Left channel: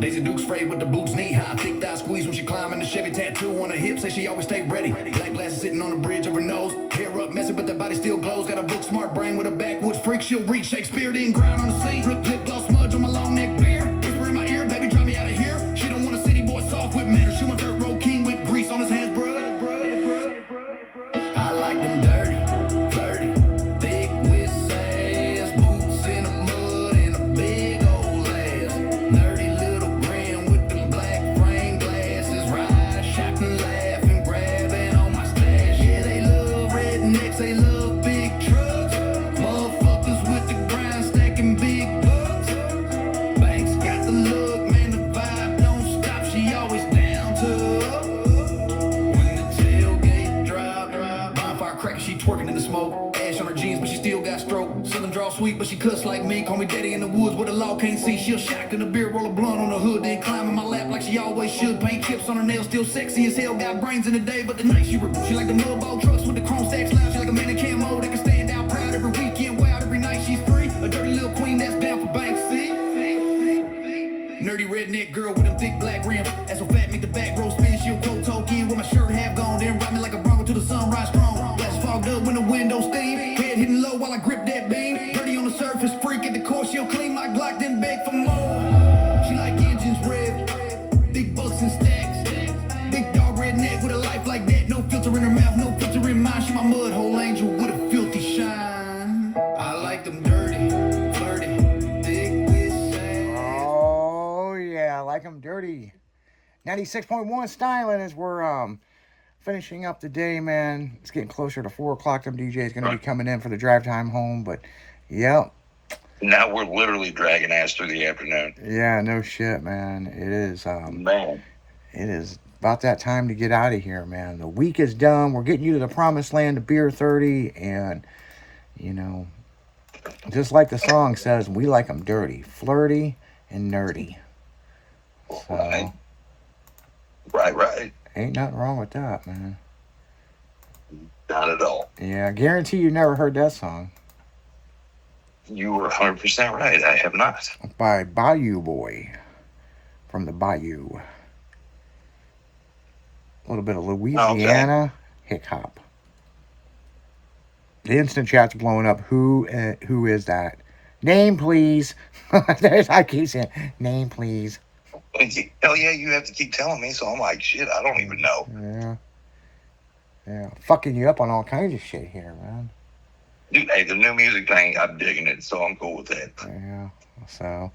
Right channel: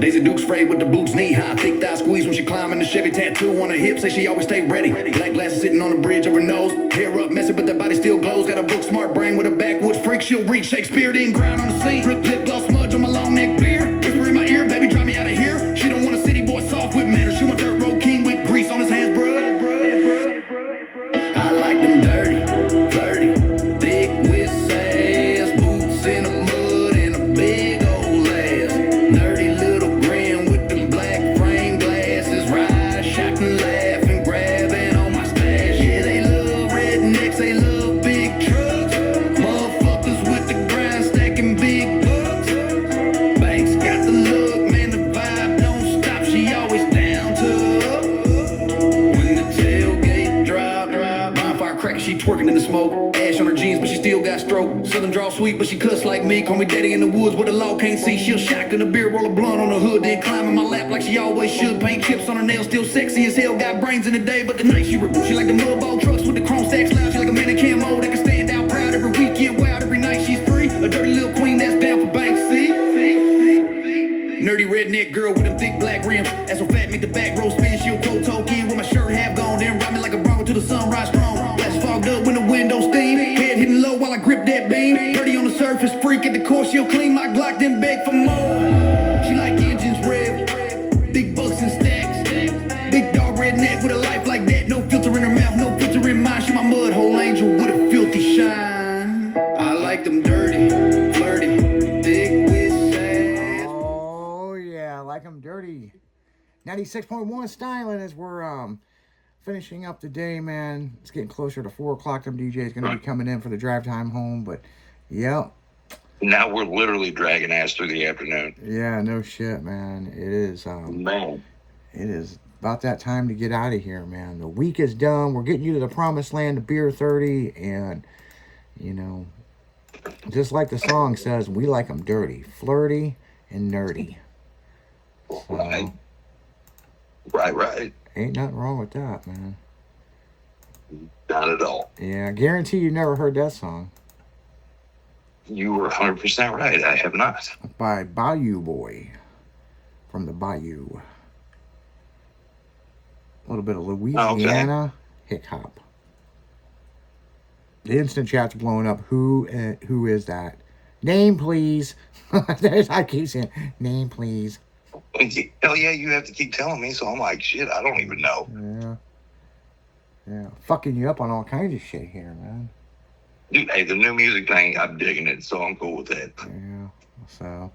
Daisy Duke's frayed with the boots knee high. Thick thigh squeeze when she climbing the Chevy. Tattoo on her hip, say she always stay ready. Black glasses sitting on the bridge of her nose. Hair up messy, but that body still glows. Got a book smart brain with a backwoods freak. She'll read Shakespeare, then grind on the scene. Drip lip gloss smudge on my long neck beard. If you're in my ear, baby, drive me out of here. She don't want a city boy soft with manners. She want dirt road king with grease on his hands, bruh. I like them dirty, flirty, thick with sass, boots in the mud and a big old ass. Nerdy little grin with them black frame glasses. Ride, shot and laugh and grabbing on my stash. Yeah, they love rednecks, they love big trucks. Motherfuckers with the grind stacking big bucks. Banks got the look, man, the vibe don't stop. She always down to up. When the tailgate drop, bonfire crack, she twerking in the smoke. Ash on her jeans, but she still got stroke. Southern draw sweet, but she cuss like me. Call me daddy in the woods where the law can't see. She'll shotgun a beer, roll a blunt on her hood, then climb in my lap like she always should. Paint chips on her nails, still sexy as hell. Got brains in the day, but the night she rebel. She like the mudball trucks with the chrome stacks loud. She like a mannequin mode that can stand out proud every weekend. Wild every night she's free. A dirty little queen that's down for Banksy. Nerdy redneck girl with them thick black rims. Ass so fat, make the back row spin. She'll cold toe in with my shirt half gone. Then ride me like a bronco till the sunrise strong. Glass fogged up when the window steam. Head hitting low while I grip that beam. Dirty on the surface, freak at the core. She'll clean my Glock, then beg for more. She like engines rev, big bucks and stacks. Big dog redneck with a life like that. No filter in her mouth, no filter in mine. She my mud hole angel with a filthy shine. I like them dirty, flirty, thick with sass. Oh, yeah, like them dirty. 96.1 Styling as we're finishing up the day, man. It's getting closer to 4 o'clock. Them DJ's going to be coming in for the drive time home, but, yep. Now we're literally dragging ass through the afternoon. Yeah, no shit, man. It is, Man. it is about that time to get out of here, man. The week is done. We're getting you to the promised land of Beer 30, and, you know, just like the song says, we like them dirty, flirty, and nerdy. So, Right. ain't nothing wrong with that, man. Not at all. Yeah, I guarantee you never heard that song. You were 100% right. I have not. By Bayou Boy from the Bayou. A little bit of Louisiana hip hop. The instant chat's blowing up. Who is that? Name, please. I keep saying, name, please. Hell yeah, you have to keep telling me. So I'm like, shit, I don't even know. Yeah. Fucking you up on all kinds of shit here, man. Dude, hey, the new music thing, I'm digging it, so I'm cool with that. Yeah. So,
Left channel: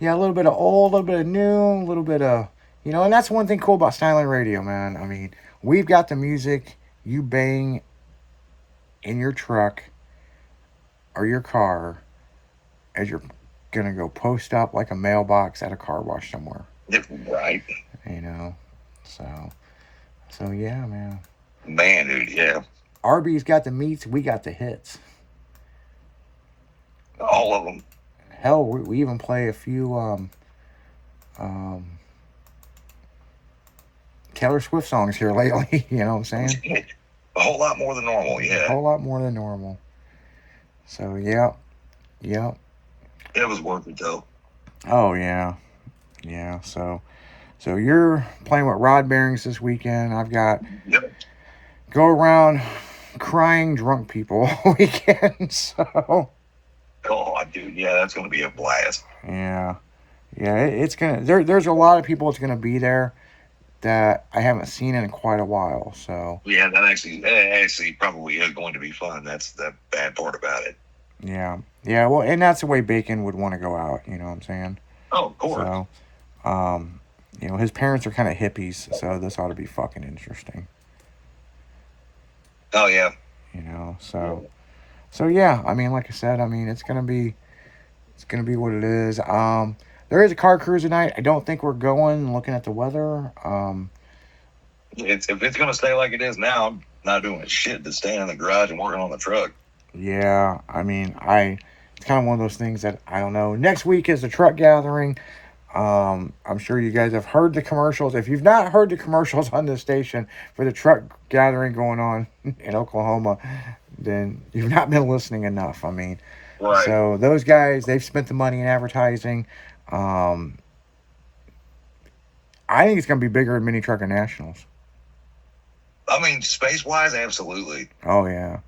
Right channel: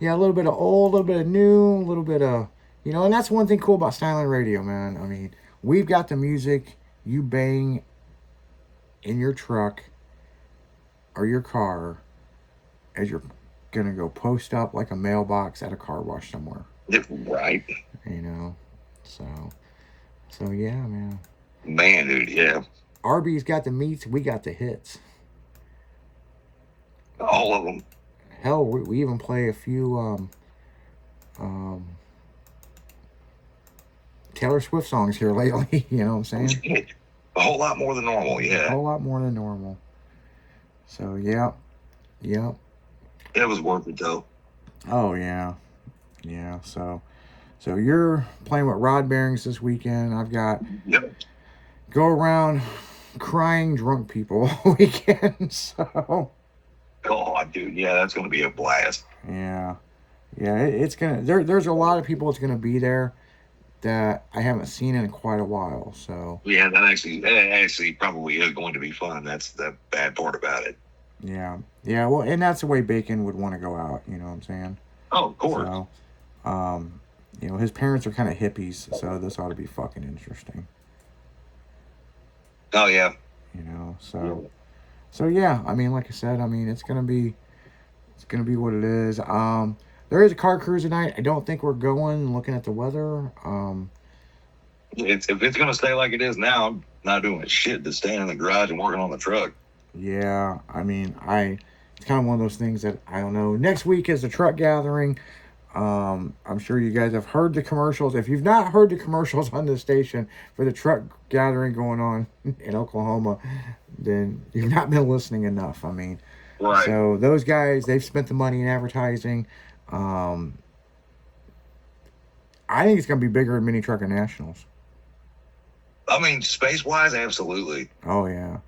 yeah, a little bit of old, a little bit of new, a little bit of, you know, and that's one thing cool about Styling Radio, man. I mean, we've got the music you bang in your truck or your car as you're gonna go post up like a mailbox at a car wash somewhere. Right. You know, so yeah, man. Man, dude, yeah. Arby's got the meats, we got the hits. All of them. Hell, we even play a few Taylor Swift songs here lately. You know what I'm saying? A whole lot more than normal, yeah. A whole lot more than normal. So, yep. It was worth it, though. Oh, yeah. Yeah, so you're playing with rod bearings this weekend. I've got go around crying drunk people all weekend, so. Oh, dude, yeah, that's going to be a blast. Yeah, it's going to, there's a lot of people that's going to be there that I haven't seen in quite a while, so. Yeah, that actually probably is going to be fun. That's the bad part about it. Yeah, well, and that's the way Bacon would want to go out, you know what I'm saying? Oh, of course. So, you know, his parents are kind of hippies, so this ought to be fucking interesting. Oh, yeah. You know, so yeah, I mean, like I said, I mean, it's gonna be what it is. There is a car cruise tonight. I don't think we're going, looking at the weather. If it's gonna stay like it is now, I'm not doing shit to staying in the garage and working on the truck. Yeah, I mean, it's kind of one of those things that I don't know. Next week is the truck gathering. I'm sure you guys have heard the commercials. If you've not heard the commercials on this station for the truck gathering going on in Oklahoma, then you've not been listening enough. I mean, right. So those guys, they've spent the money in advertising. I think it's gonna be bigger than Mini Trucking Nationals. I mean, space wise, absolutely. Oh yeah,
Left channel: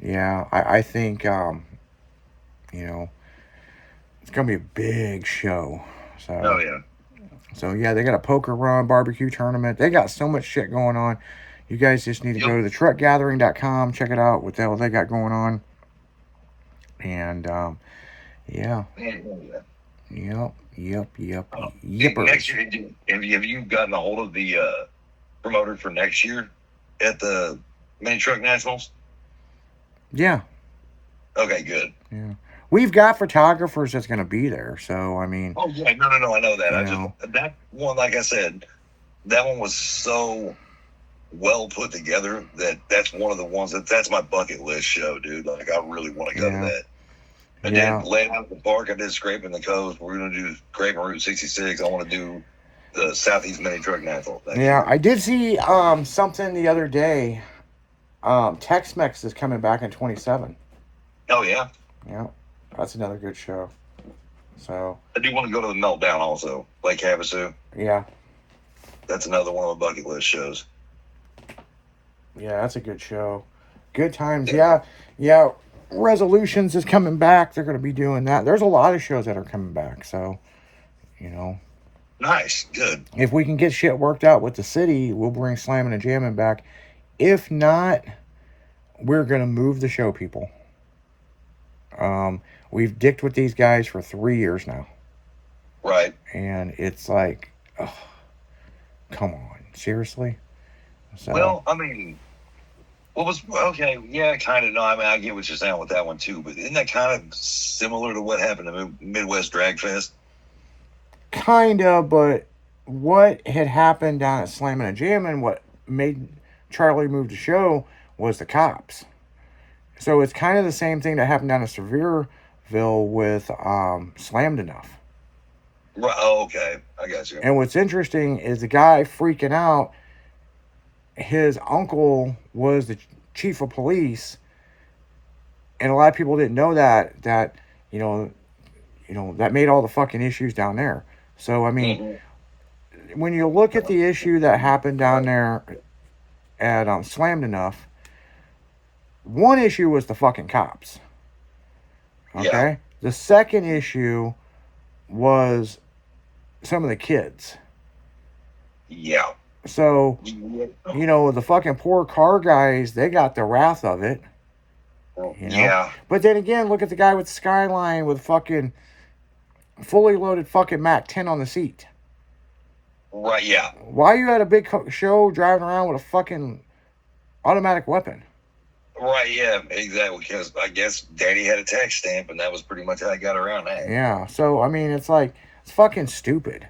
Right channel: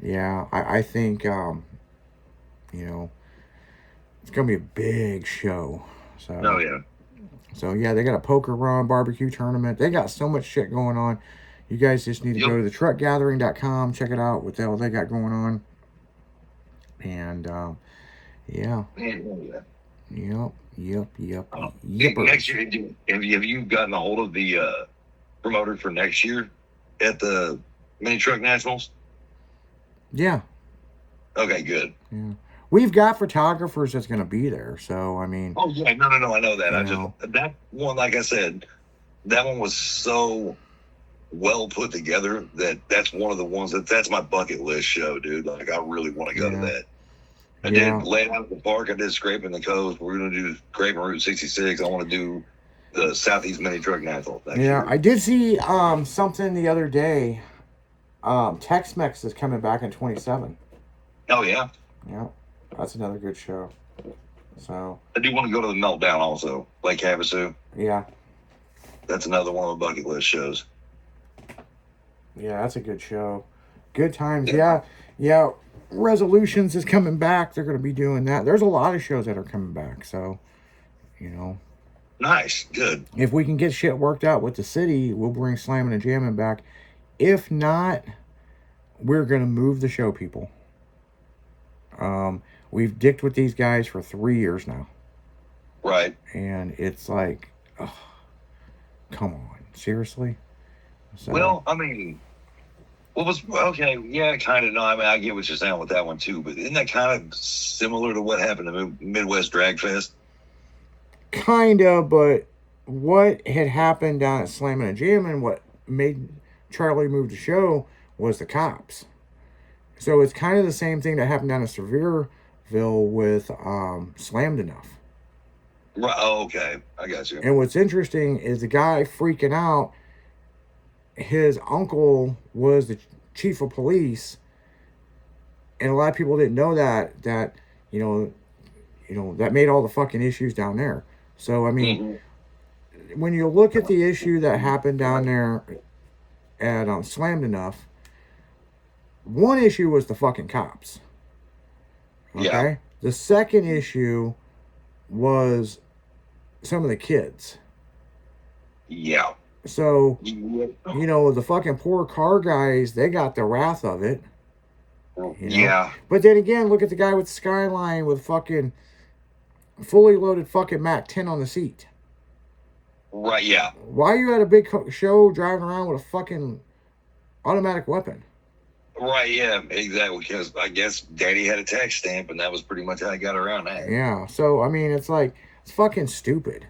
yeah. I think you know, it's gonna be a big show. So. Oh yeah. So yeah, they got a poker run, barbecue tournament. They got so much shit going on. You guys just need to go to thetruckgathering.com, check it out, what the hell they got going on. And yeah. Yep. Next year, have you gotten a hold of the promoter for next year at the Mini Truck Nationals? Yeah. Okay, good. Yeah. We've got photographers that's gonna be there, so I mean. Oh yeah, no, I know that. I know. just that one, like I said, that one was so well put together that's one of the ones that's my bucket list show, dude. Like I really want to go to that. I did lay out the park. I did Scraping the Coast. We're gonna do Scraping Route 66. I want to do the Southeast Mini Truck Nationals. Yeah, I did see something the other day. Tex-Mex is coming back in 27. Oh yeah. Yeah. That's another good show. So I do want to go to the Meltdown also, Lake Havasu. Yeah. That's another one of my bucket list shows. Yeah, that's a good show. Good times. Yeah. Resolutions is coming back. They're going to be doing that. There's a lot of shows that are coming back. So, Nice. Good. If we can get shit worked out with the city, we'll bring Slamming and Jamming back. If not, we're going to move the show, people. We've dicked with these guys for 3 years now. Right. And it's like, oh, come on. Seriously? So, well, I mean, okay, yeah, kind of. No, I mean, I get what you're saying with that one too, but isn't that kind of similar to what happened to Midwest Drag Fest? Kind of, but what had happened down at Slamming and Jamming, what made Charlie move the show was the cops. So it's kind of the same thing that happened down at Sevierville with Slammed Enough. Right. Oh, okay. I got you. And what's interesting is the guy freaking out, his uncle was the chief of police, and a lot of people didn't know that that made all the fucking issues down there. So I mean, when you look at the issue that happened down there at Slammed Enough, one issue was the fucking cops. Okay? Yeah. The second issue was some of the kids. Yeah. So, the fucking poor car guys, they got the wrath of it. Yeah. But then again, look at the guy with the Skyline with fucking fully loaded fucking Mac 10 on the seat. Right, yeah. Why are you at a big show driving around with a fucking automatic weapon? Right, yeah, exactly. Because I guess Daddy had a tax stamp, and that was pretty much how I got around that. Yeah, so, I mean, it's like, it's fucking stupid.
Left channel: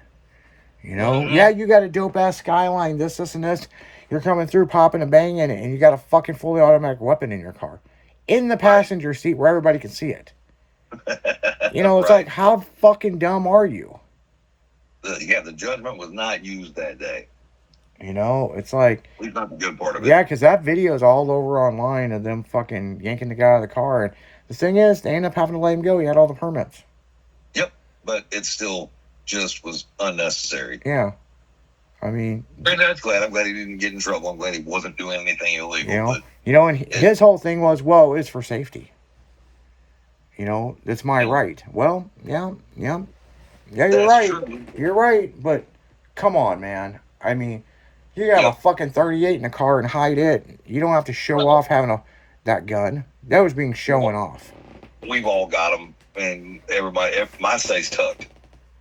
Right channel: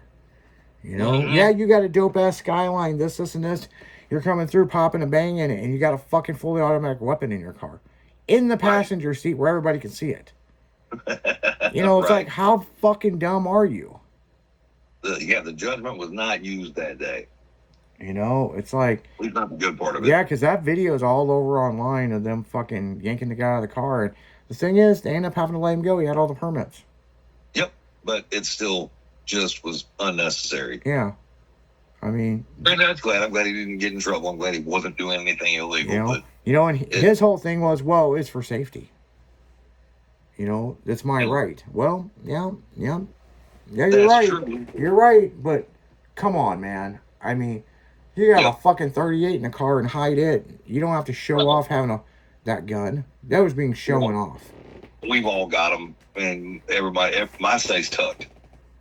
Mm-hmm. Yeah, you got a dope-ass Skyline, this, and this. You're coming through, popping and banging, and you got a fucking fully automatic weapon in your car. In the passenger seat where everybody can see it. It's like, how fucking dumb are you? The judgment was not used that day. It's like... At least not the good part of it. Yeah, because that video is all over online of them fucking yanking the guy out of the car. And the thing is, they end up having to let him go. He had all the permits. Yep, but it still just was unnecessary. Yeah. I mean... And I'm glad he didn't get in trouble. I'm glad he wasn't doing anything illegal. And his whole thing was, well, it's for safety. It's my right. Well, yeah, you're That's right. true. You're right, but come on, man. I mean, you got a fucking 38 in the car and hide it. You don't have to show off having that gun. That was being showing off. We've all got them, and my stays tucked.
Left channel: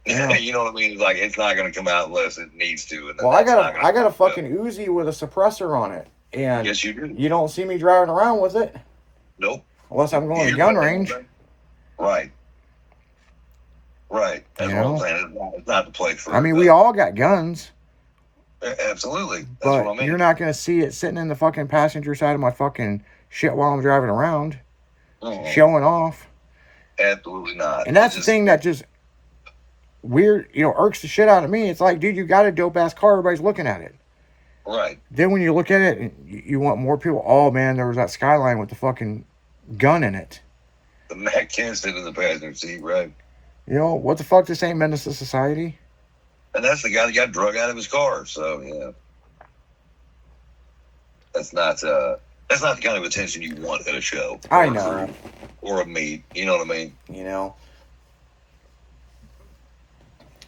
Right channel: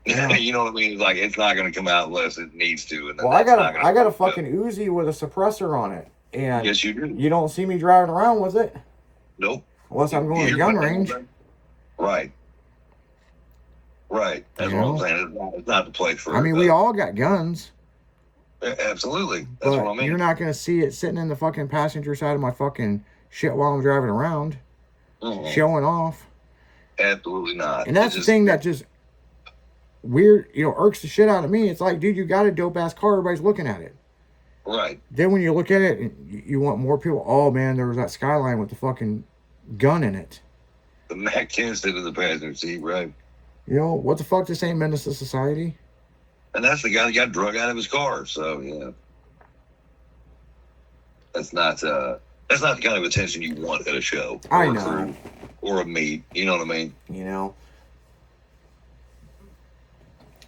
Yeah. You know what I mean? It's like, it's not going to come out unless it needs to. And then Well, I got a fucking Uzi with a suppressor on it. And yes, you do. You don't see me driving around with it. Nope. Unless I'm going to gun range. Right. That's what I'm saying. It's not the place for it. I mean, we all got guns. Absolutely. That's what I mean. You're not going to see it sitting in the fucking passenger side of my fucking shit while I'm driving around. Showing off. Absolutely not. And that's the thing that just weird, irks the shit out of me. It's like, dude, you got a dope ass car. Everybody's looking at it. Right. Then when you look at it, and you want more people. Oh man, there was that Skyline with the fucking gun in it. The Mac 10 sitting in the passenger seat, right? What the fuck? This ain't menace to society. And that's the guy that got drug out of his car. So yeah, that's not the kind of attention you want at a show I or a know. crew or a meet. You know what I mean? You know,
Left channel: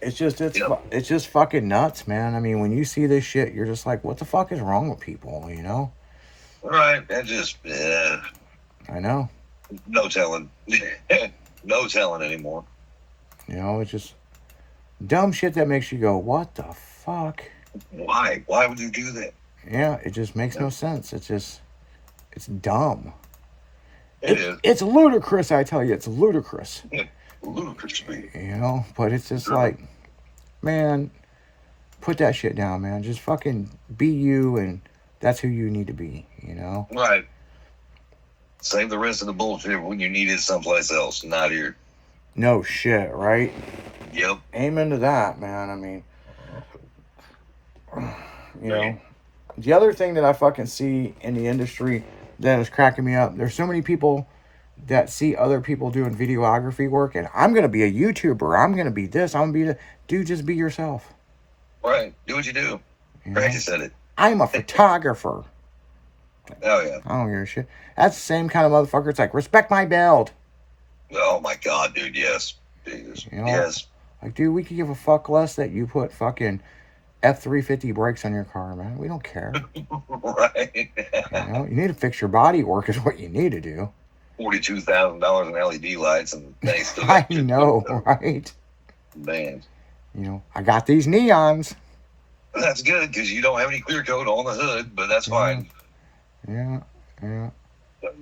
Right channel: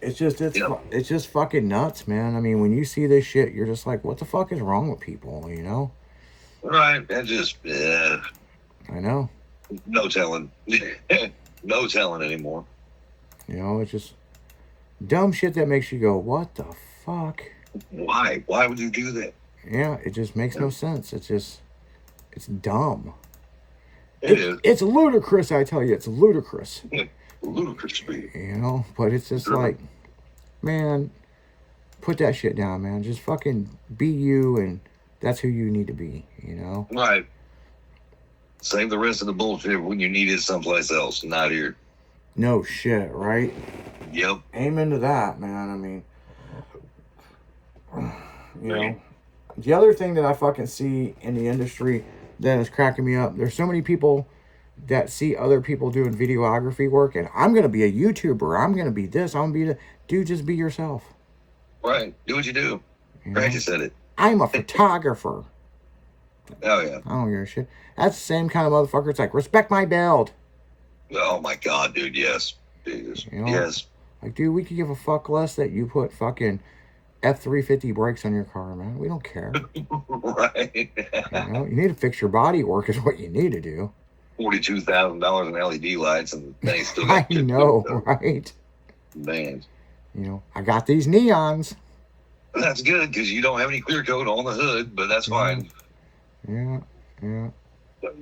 it's just Yep. it's just fucking nuts, man. I mean, when you see this shit, you're just like, what the fuck is wrong with people? You know? Right. That just I know. no telling, no telling anymore. You know, it's just dumb shit that makes you go, what the fuck? Why? Why would you do that? Yeah, it just makes no sense. It's dumb. It is It's ludicrous, I tell you. It's ludicrous. ludicrous to me. You know, but it's just Sure. like, man, put that shit down, man. Just fucking be you, and that's who you need to be, you know? Right. Save the rest of the bullshit when you need it someplace else, not here. No shit, right? Yep. Amen to that, man. I mean, you know, Right. the other thing that I fucking see in the industry that is cracking me up, there's so many people that see other people doing videography work, and I'm gonna be a YouTuber. I'm gonna be this. I'm gonna be the dude. Just be yourself. Right. Do what you do. You know? Practice at it. I'm a photographer. Oh yeah. I don't give a shit. That's the same kind of motherfucker. It's like, respect my build. Oh my God, dude. Yes. Jesus. You know? Yes. Like, dude, we could give a fuck less that you put fucking F350 brakes on your car, man. We don't care. Right. You know? You need to fix your body work is what you need to do. $42,000 in LED lights, and they still I got shit to know, do. right? Man, You know, I got these neons. that's good because you don't have any clear coat on the hood, but that's fine. Yeah, yeah.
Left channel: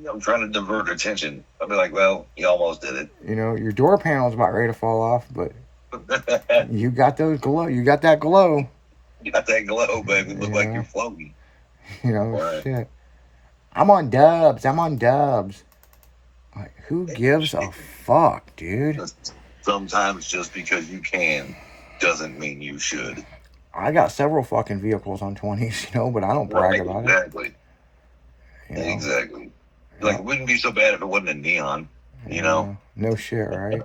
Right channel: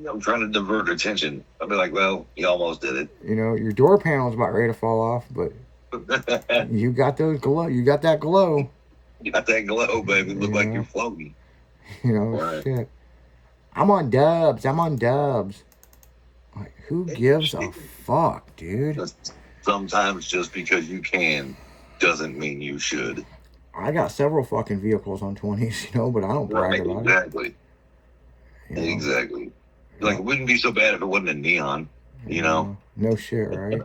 I'm trying to divert attention. I'll be like, well, you almost did You know, your door panel's about ready to fall off, but it. you got those glow. You got that glow. You got that glow, baby. Look like Yeah. you're floating. You know, Right. shit. I'm on dubs. Like, who gives a fuck, dude? Sometimes just because you can doesn't mean you should. I got several fucking vehicles on 20s, you know, but I don't brag Right, about exactly. it. You know? Exactly. Like, it wouldn't be so bad if it wasn't a neon, you know? No shit, right?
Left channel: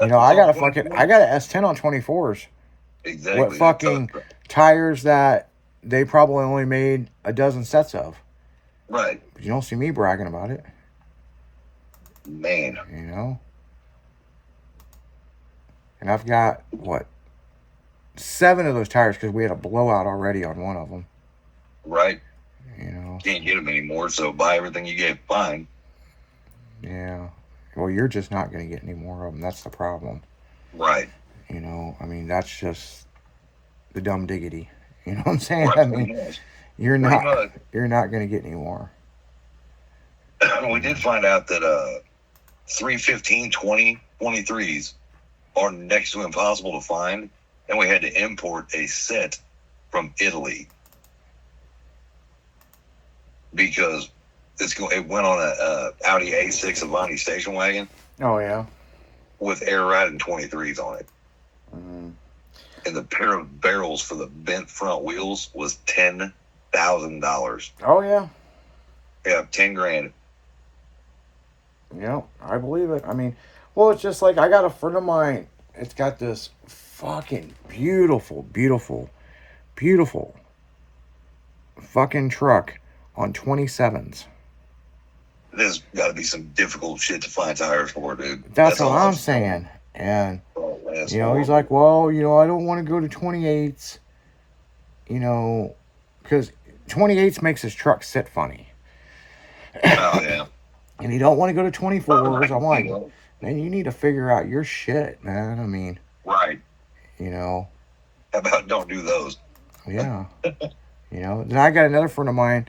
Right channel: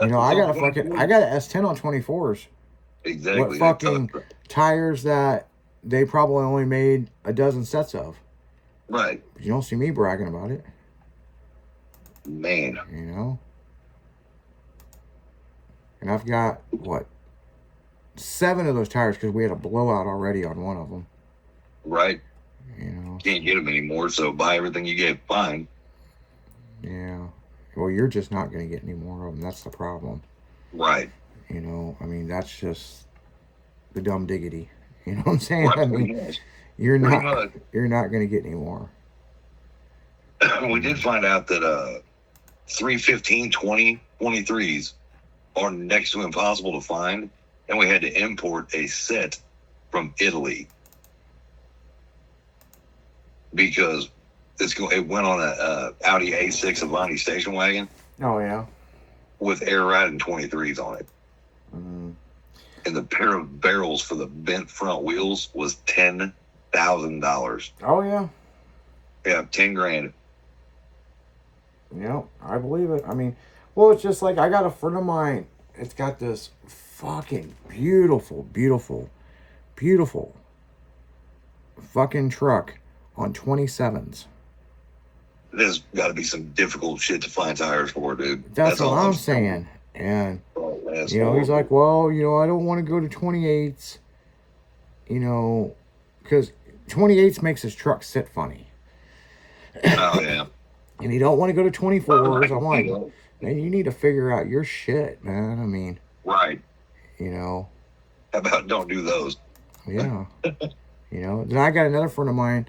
You know, I got a S10 on 24s. Exactly. What fucking tires that they probably only made a dozen sets of. Right. But you don't see me bragging about it, Man. you know? And I've got, 7 of those tires because we had a blowout already on one of them, Right. you know? Can't get them anymore, so buy everything you get. Fine. Yeah. Well, you're just not going to get any more of them. That's the problem. Right. You know, I mean, that's just the dumb diggity. You know what I'm saying? Right. I mean, you're Pretty not going to get any more. We did find out that 315 23s are next to impossible to find, and we had to import a set from Italy because it went on a Audi A6 Avanti station wagon Oh, yeah. with air riding 23s on it, Mm. and the pair of barrels for the bent front wheels was $10,000. Oh, yeah. Yeah, 10 grand. Yeah, I believe it. I mean, well, it's just like I got a friend of mine. It's got this fucking beautiful fucking truck on 27s. There's got to be some difficult shit to find tires for, dude. That's all what I'm saying. And, Oh, that's you know, he's horrible. like, well, you know, I don't want to go to 28s, you know, because 28s makes his truck sit funny. Oh, yeah. And you don't want to go to 24s. I'm like, You know, man, you need to figure out your shit, man. I mean, right. you know, How about don't do those? yeah. You know, then I got another friend of mine.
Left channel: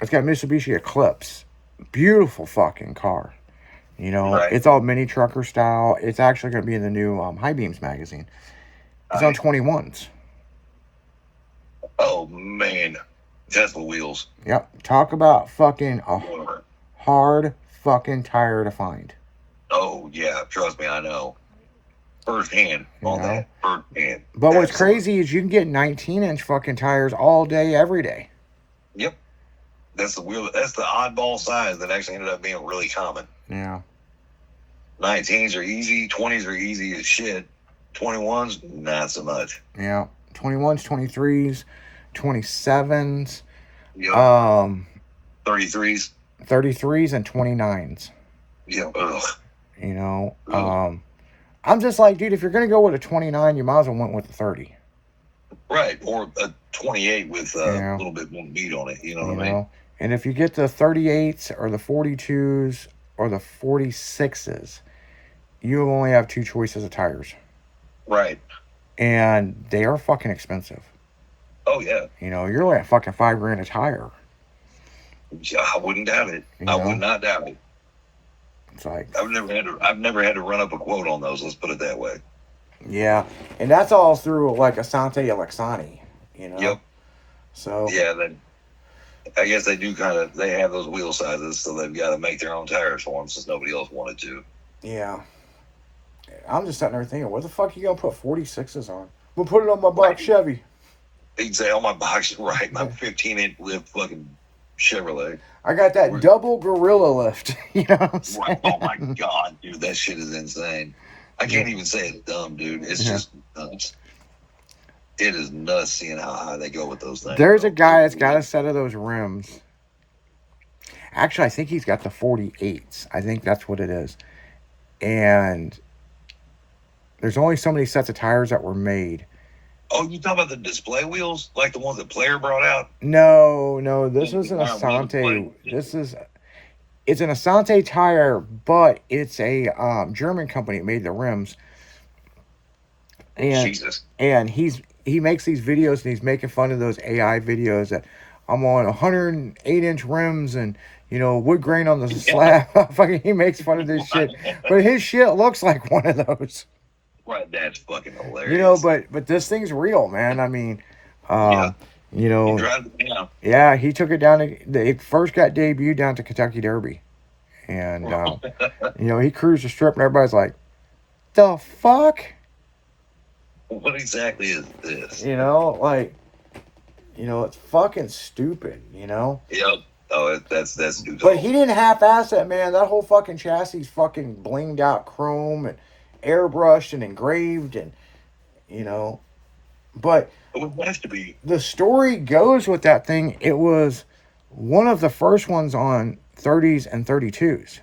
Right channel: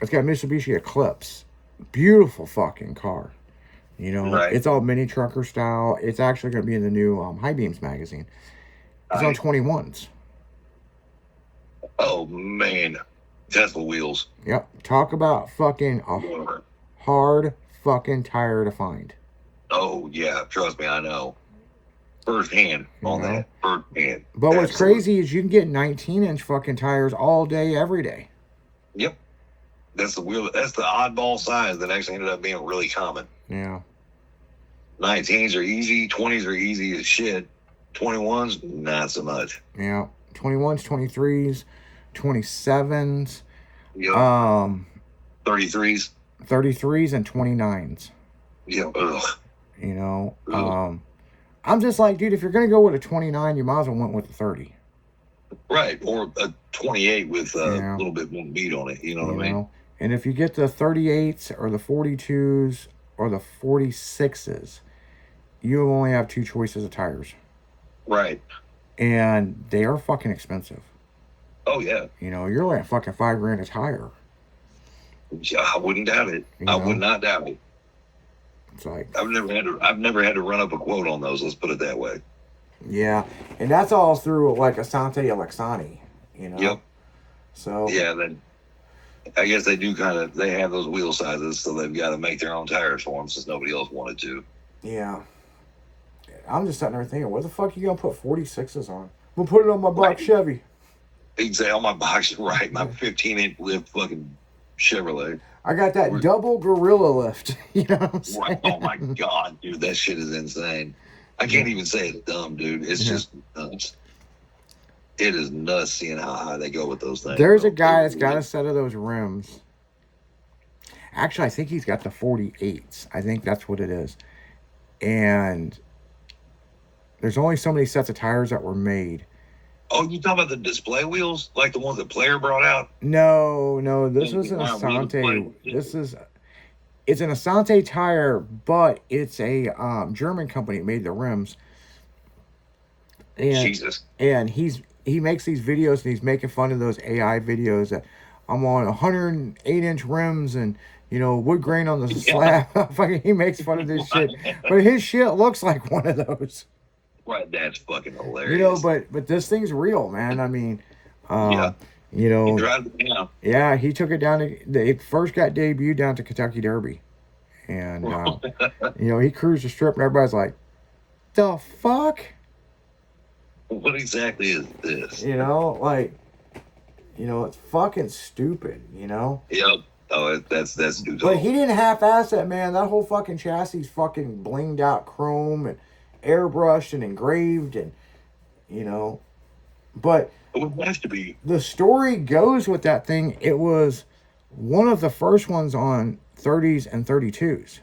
It's got a Mitsubishi Eclipse. Beautiful fucking car. You know, Right. it's all mini trucker style. It's actually going to be in the new High Beams magazine. It's on Right. 21s. Oh, man. Tesla wheels. Yep. Talk about fucking a hard fucking tire to find. Oh, yeah. Trust me, I know. First hand on Yeah. that. First hand. But what's Absolutely. crazy is you can get 19-inch fucking tires all day, every day. Yep. That's the wheel. That's the oddball size that actually ended up being really common. Yeah. 19s are easy. 20s are easy as shit. 21s, not so much. Yeah, 21s, 23s, 27s, Yep. 33s. 33s, and 29s. Yeah. Ugh. You know, Ugh. I'm just like, dude, if you're gonna go with a 29, you might as well went with a 30. Right, or a 28 with a Yeah. little bit more meat on it. You know You what I mean? know, and if you get the 38s or the 42s or the 46s, you only have two choices of tires, Right. and they are fucking expensive. Oh yeah. You know, you're looking at fucking $5,000 a tire. Yeah, I wouldn't doubt it. You I know? would not doubt it. It's like, I've never had to run up a quote on those. Let's put it that way. yeah, and that's all through like Asante Alexani. You know. Yep. So Yeah. Then I guess they do they have those wheel sizes, so they've got to make their own tires for them since nobody else wanted to. yeah, I'm just sitting there thinking, what the fuck you gonna put 46s on? We'll put it on my black Right. Chevy. Exactly. On my box, right? My 15-inch lift fucking Chevrolet. I got that double gorilla lift. You know what I'm saying? Right. Oh my god, dude, that shit is insane. I can't even say it's dumb, dude. It's just nuts. It is nuts seeing how high they go with those things. There's bro. a guy that's got a set of those rims. Actually, I think he's got the 48s. I think that's what it is. And there's only so many sets of tires that were made. Oh, you talking about the display wheels, like the ones that Player brought out? No, this Yeah, was an wow, really Asante. display. It's an Asante tire, but it's a German company that made the rims. And Jesus. and he makes these videos and he's making fun of those AI videos that I'm on 108-inch rims and wood grain on the slab. Fucking, he makes fun of this shit, but his shit looks like one of those. Right, that's fucking hilarious. But this thing's real, man. I mean, Yeah. He you drives it down. yeah, he took it down. It first got debuted down to Kentucky Derby, and he cruised the strip, and everybody's like, "The fuck." What exactly is this? It's fucking stupid, Yep. Oh, that's dude. But he didn't half-ass that, man. That whole fucking chassis fucking blinged out chrome and airbrushed and engraved and, But It would have to be. the story goes with that thing. It was one of the first ones on 30s and 32s.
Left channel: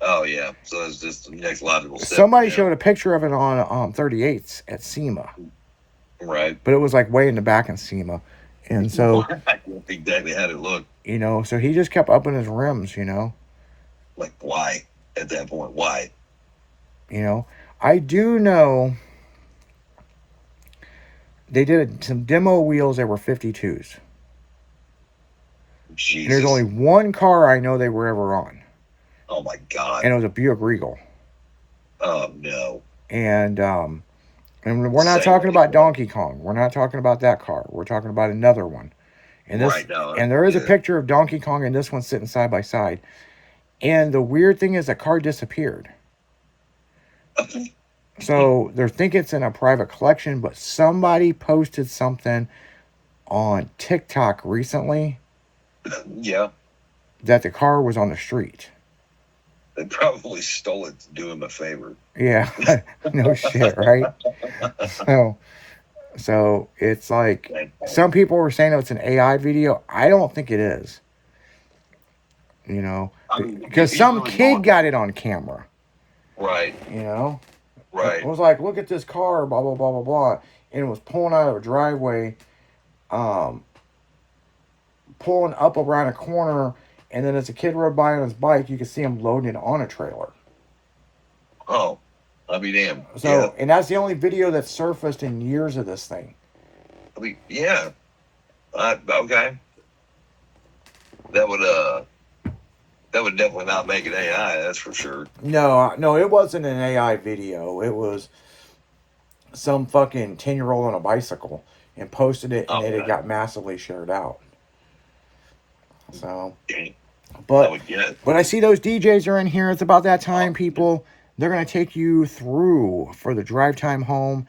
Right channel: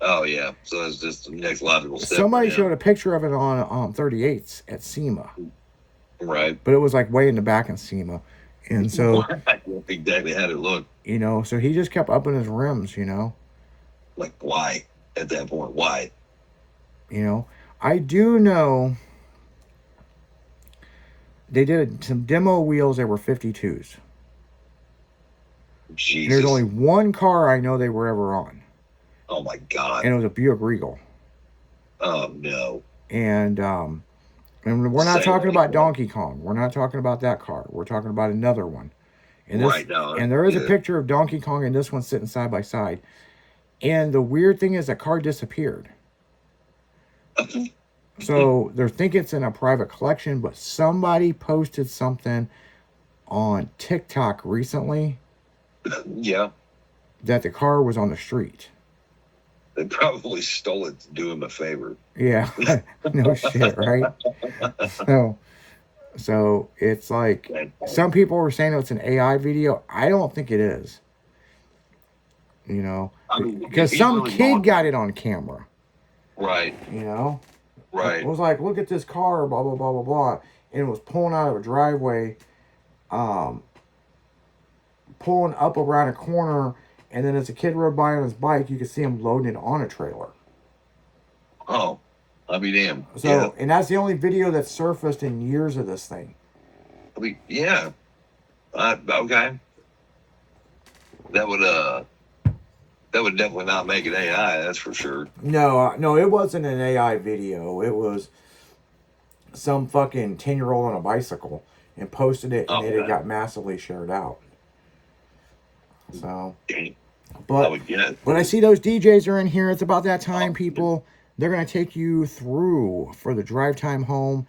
Oh yeah. So it's just the next logical step. Somebody showed a picture of it on 38s at SEMA. Right. But it was like way in the back in SEMA. And so, exactly how it looked. so he just kept upping his rims, Like why? At that point, why? I do know they did some demo wheels that were 52s. Jesus. There's only one car I know they were ever on. Oh my god. And it was a Buick Regal. Oh no. And we're not talking about Donkey Kong. We're not talking about that car. We're talking about another one. And Right now. And there is a picture of Donkey Kong and this one sitting side by side. And the weird thing is the car disappeared. So they're thinking it's in a private collection, but somebody posted something on TikTok recently Yeah. that the car was on the street. They probably stole it to do him a favor. Yeah, no shit, right? So it's like some people were saying it's an AI video. I don't think it is. I mean, Because he's some really kid going- got it on camera. Right. Right. It was like, look at this car, blah, blah, blah, blah, blah. And it was pulling out of a driveway, pulling up around a corner. And then as the kid rode by on his bike, you could see him loading it on a trailer. Oh, I'll be damned. So, Yeah. and that's the only video that's surfaced in years of this thing. I mean, yeah. Okay. That would definitely not make it AI. That's for sure. No, it wasn't an AI video. It was some fucking 10-year-old on a bicycle and posted it, and then it got massively shared out. So, Dang. I but would get it. I see those DJs are in here. It's about that time, people. They're going to take you through for the drive time home.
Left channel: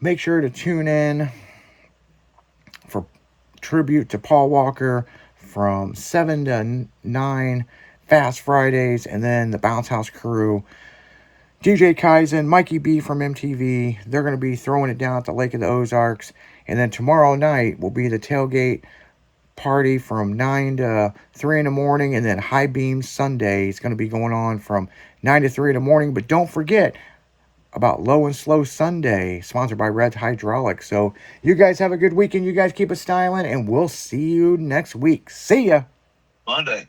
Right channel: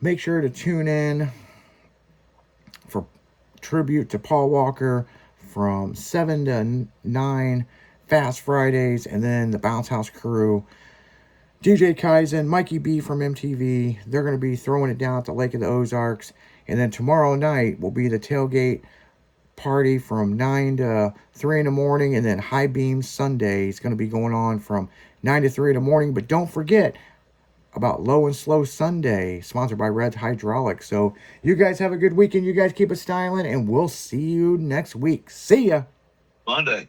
Make sure to tune in for tribute to Paul Walker from 7 to 9, Fast Fridays, and then the Bounce House crew. DJ Kaizen, Mikey B from MTV. They're going to be throwing it down at the Lake of the Ozarks. And then tomorrow night will be the tailgate party from 9 to 3 in the morning. And then High Beam Sunday is going to be going on from 9 to 3 in the morning. But don't forget about Low and Slow Sunday, sponsored by Red's Hydraulics. So you guys have a good weekend. You guys keep it styling, and we'll see you next week. See ya. Monday.